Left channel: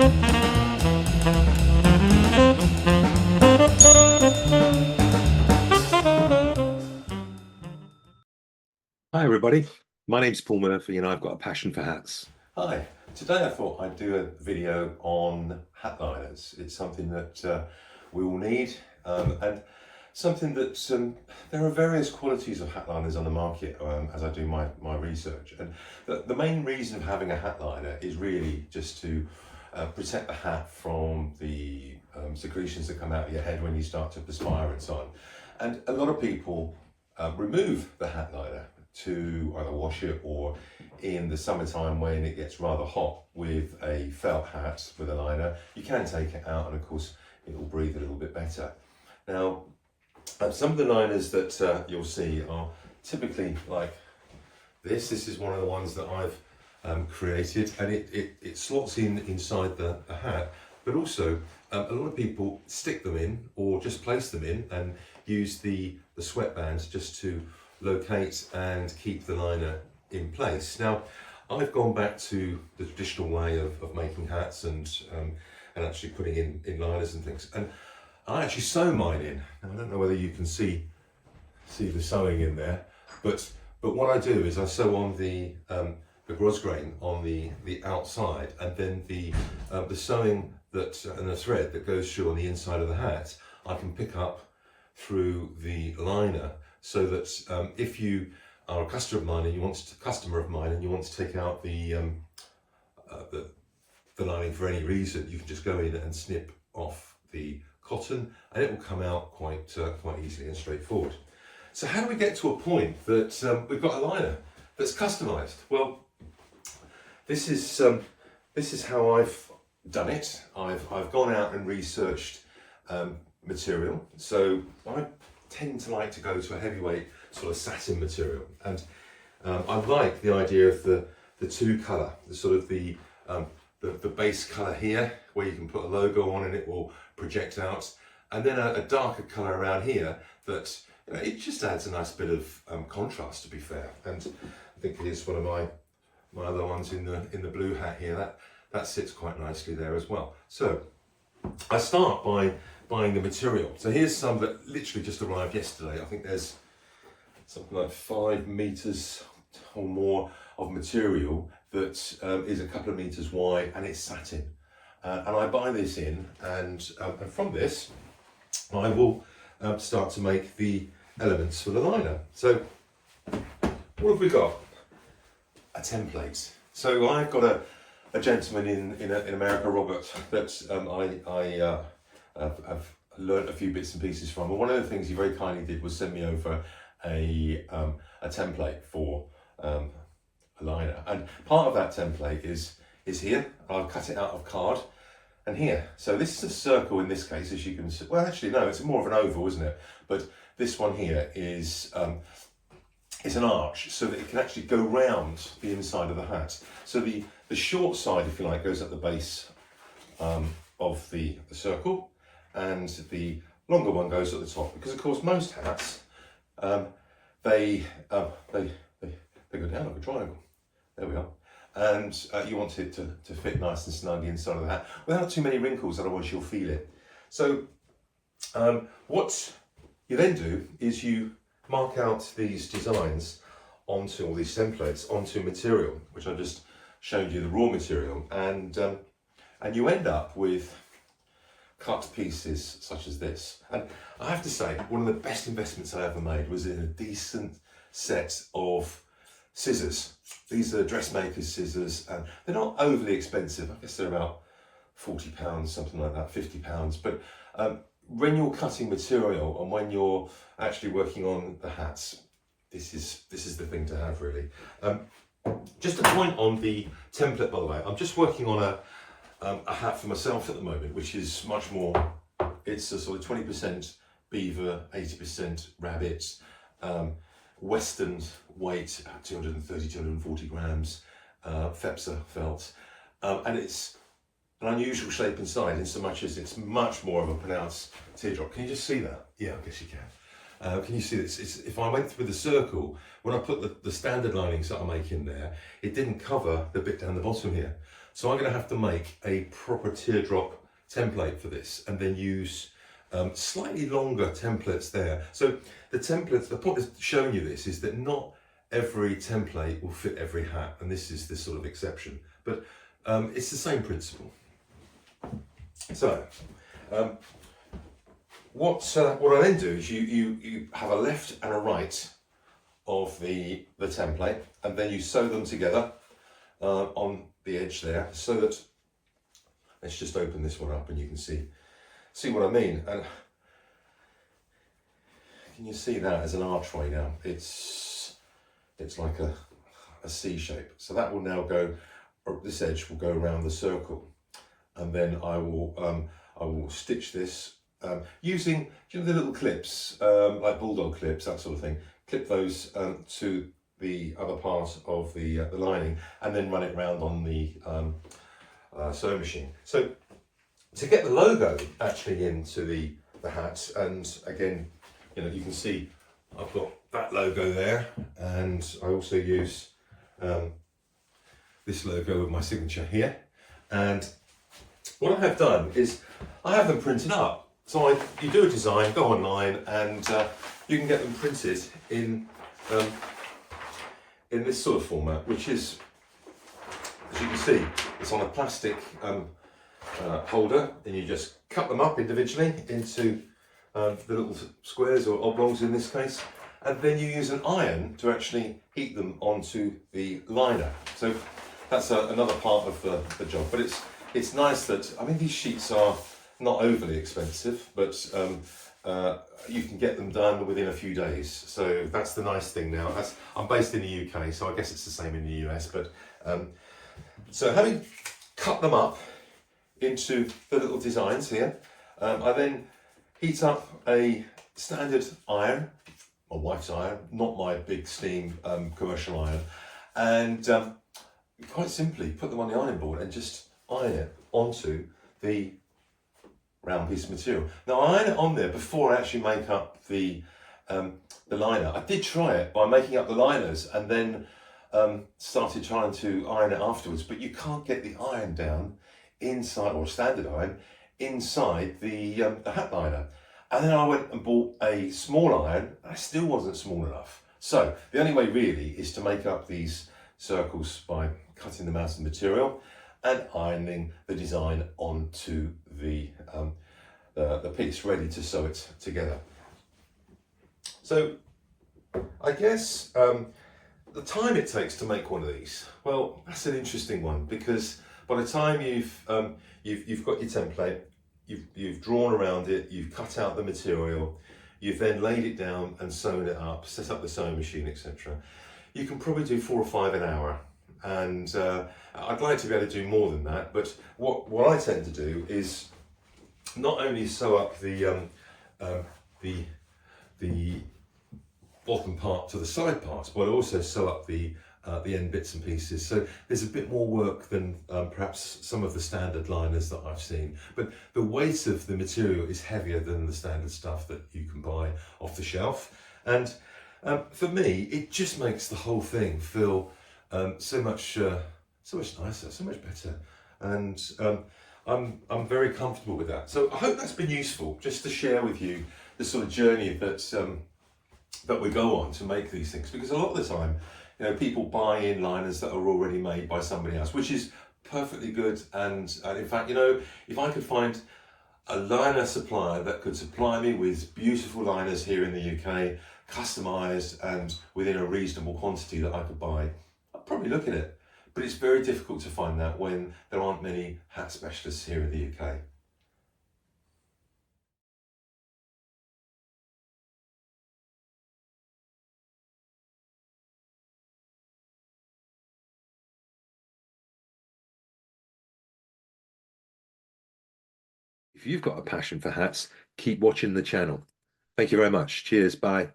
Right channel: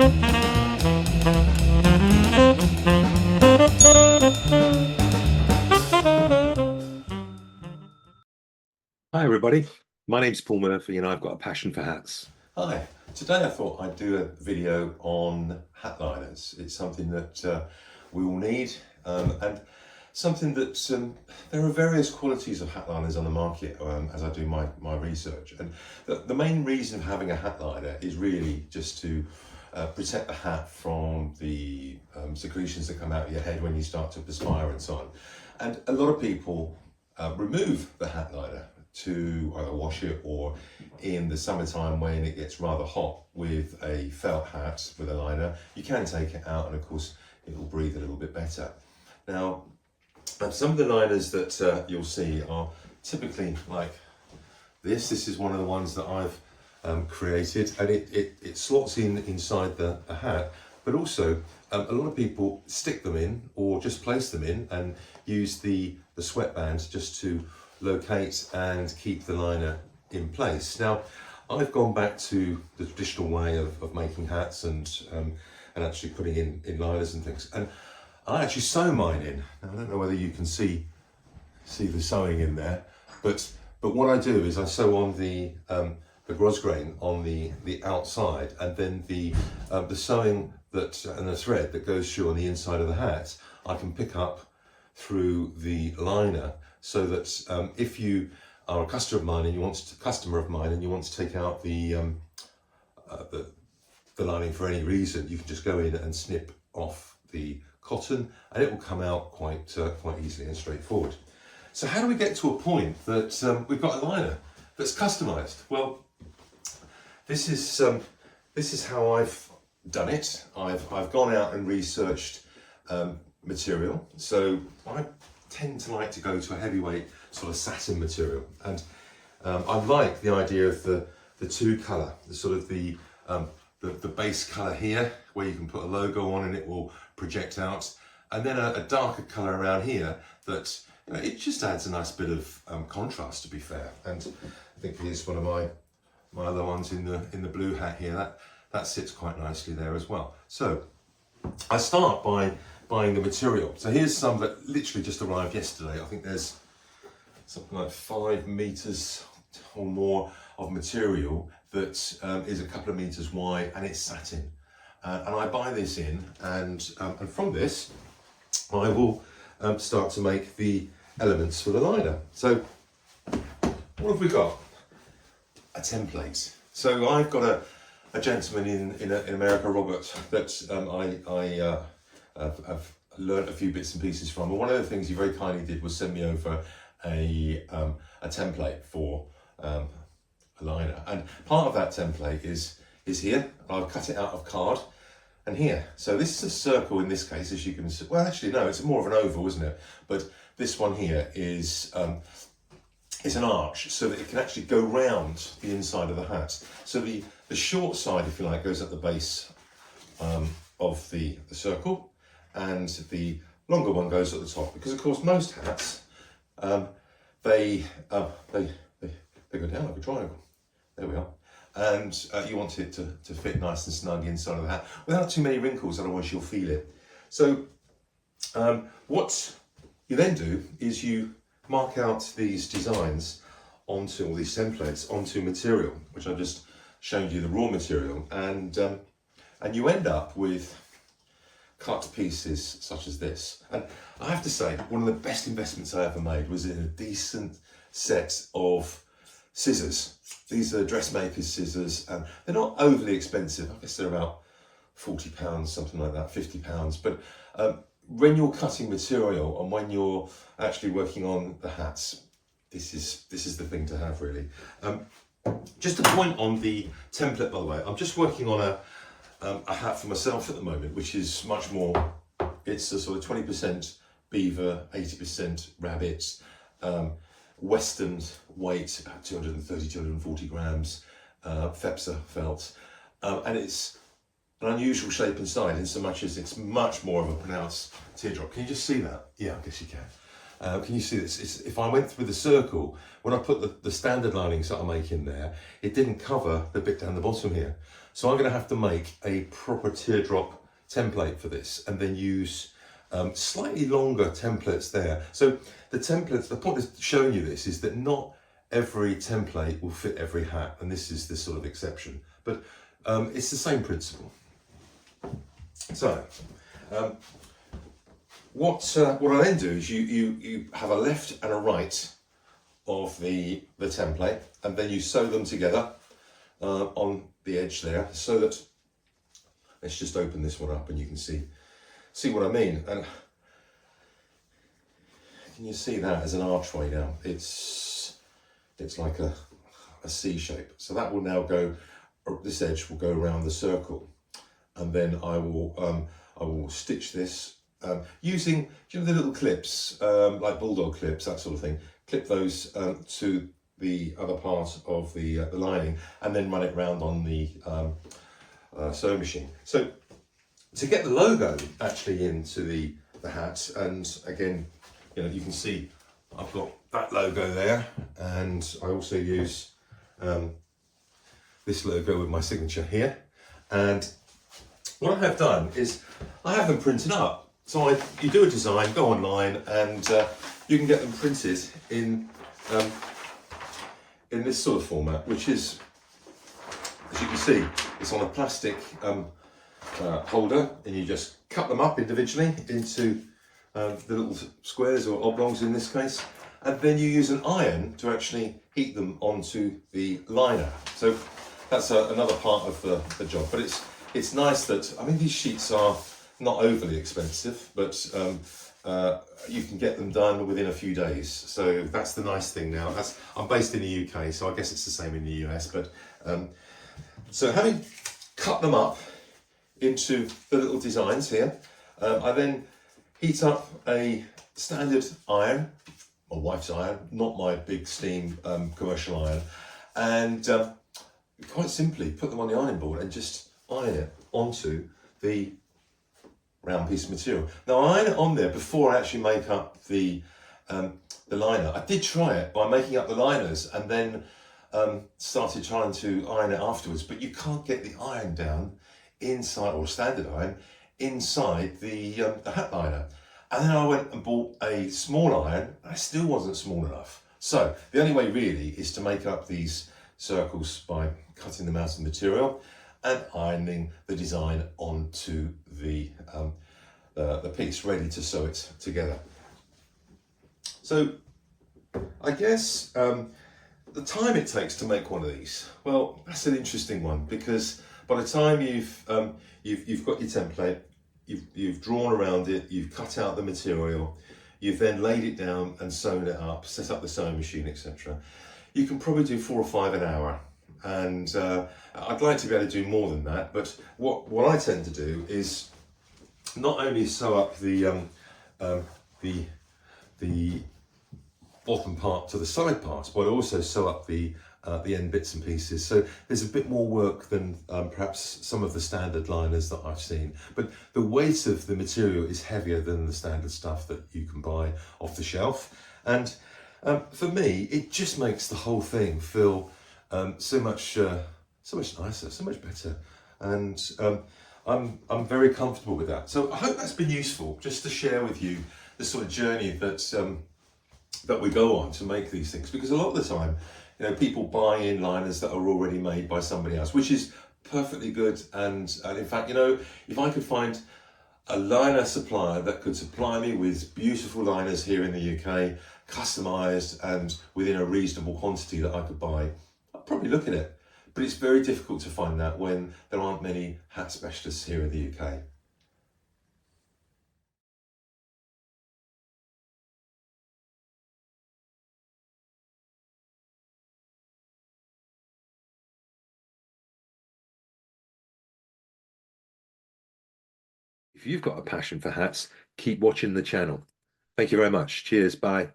Hi everybody, my name's Paul Murphy and I've got a passion for hats. Hi, today I thought I'd do a video on hat liners. It's something that we all need and something that there are various qualities of hat liners on the market as I do my research. And the main reason of having a hat liner is really just to protect the hat from the secretions that come out of your head when you start to perspire and so on. And a lot of people remove the hat liner to either wash it, or in the summertime when it gets rather hot with a felt hat with a liner, you can take it out and of course it will breathe a little bit better. Now some of the liners that you'll see are typically like this. This is one of the ones that I've created, and it slots inside the hat, but also a lot of people stick them in or just place them in and use the sweatband just to locate and keep the liner in place. Now, I've gone back to the traditional way of making hats and actually putting in liners and things. And I actually sew mine in. Now, I don't know whether you can see the sewing in there, but what I do is I sew on the grosgrain on the outside, and then the sewing and the thread that goes through on the inside of the hat, I can pick up through the liner, so that if you are a customer of mine and you want to take out the lining for any reason, you can just go in and snip off the cotton, and it will come out quite easily and straightforward. So how do we get to a point that we've got a liner that's customized? Well, this is how I've done it. I've gone out and researched material. So I tend to like to go to a heavyweight sort of satin material, and I like the idea of the two colour, the sort of the base colour here where you can put a logo on and it will project out, and then a darker colour around here that, you know, it just adds a nice bit of contrast, to be fair. And I think here's one of my other ones in the blue hat here, that sits quite nicely there as well. So I start by buying the material. So here's some that literally just arrived yesterday. I think there's something like 5 meters or more of material that is a couple of meters wide, and it's satin. And I buy this in, and from this I will start to make the elements for the liner. So what have we got? A template. So I've got a gentleman in America, Robert, that I've learned a few bits and pieces from, and one of the things he very kindly did was send me over a template for a liner, and part of that template is here. I've cut it out of card, and here. So this is a circle in this case, as you can see. Well, actually no, it's more of an oval, isn't it? But this one here is an arch, so that it can actually go round the inside of the hat. So the short side, if you like, goes at the base of the circle, and the longer one goes at the top, because of course most hats they go down like a triangle. There we are. And you want it to fit nice and snug inside of the hat without too many wrinkles, otherwise you'll feel it. So what you then do is you mark out these designs onto all these templates onto material, which I've just shown you the raw material, and you end up with cut pieces such as this. And I have to say, one of the best investments I ever made was in a decent set of scissors. These are dressmaker's scissors, and they're not overly expensive. I guess they're about £40, something like that, £50. But when you're cutting material and when you're actually working on the hats, this is the thing to have, really. Just a point on the template, by the way. I'm just working on a hat for myself at the moment, which is much more, it's a sort of 20% beaver, 80% rabbit, western weight, 230, 240 grams, Fepsa felt, and it's an unusual shape inside, in so much as it's much more of a pronounced teardrop. Can you just see that? Yeah, I guess you can. Can you see this? If I went through the circle, when I put the standard linings that I make in there, it didn't cover the bit down the bottom here. So I'm going to have to make a proper teardrop template for this, and then use slightly longer templates there. So the templates, the point of showing you this is that not every template will fit every hat, and this is this sort of exception, but it's the same principle. So what I then do is you have a left and a right of the template, and then you sew them together on the edge there, so that, let's just open this one up and you can see what I mean. And can you see that as an archway now? It's like a C shape. So that will now go, this edge will go around the circle, and then I will stitch this using, you know, the little clips, like bulldog clips, that sort of thing. Clip those to the other part of the lining, and then run it round on the sewing machine. So to get the logo actually into the hat, and again, you know, you can see I've got that logo there, and I also use this logo with my signature here. And what I have done is I have them printed up. So you do a design, go online, and you can get them printed in this sort of format, which is, as you can see, it's on a plastic holder, and you just cut them up individually into the little squares, or oblongs in this case, and then you use an iron to actually heat them onto the liner. So that's another part of the job. But it's nice that, I mean, these sheets are not overly expensive, but you can get them done within a few days. So that's the nice thing now. I'm based in the UK, so I guess it's the same in the US. But so having cut them up into the little designs here, I then heat up a standard iron, my wife's iron, not my big steam commercial iron, and quite simply put them on the ironing board and just iron it onto the round piece of material. Now I iron it on there before I actually make up the liner. I did try it by making up the liners and then started trying to iron it afterwards, but you can't get the iron down inside, or standard iron, inside the hat liner. And then I went and bought a small iron, and I still wasn't small enough. So the only way really is to make up these circles by cutting them out of the material and ironing the design onto the piece, ready to sew it together. So I guess the time it takes to make one of these, well, that's an interesting one, because by the time you've got your template, you've drawn around it, you've cut out the material, you've then laid it down and sewn it up, set up the sewing machine, etc. You can probably do 4 or 5 an hour. And I'd like to be able to do more than that, but what I tend to do is not only sew up the bottom part to the side parts, but I also sew up the end bits and pieces. So there's a bit more work than perhaps some of the standard liners that I've seen, but the weight of the material is heavier than the standard stuff that you can buy off the shelf. And for me, it just makes the whole thing feel so much nicer, so much better, and I'm very comfortable with that. So I hope that's been useful, just to share with you the sort of journey that we go on to make these things, because a lot of the time, you know, people buy in liners that are already made by somebody else, which is perfectly good. And in fact, you know, if I could find a liner supplier that could supply me with beautiful liners here in the UK, customized and within a reasonable quantity that I could buy, I'd probably look at it. But it's very difficult to find that when there aren't many hat specialists here in the UK. If you've got a passion for hats, keep watching the channel. Thank you very much. Cheers. Bye.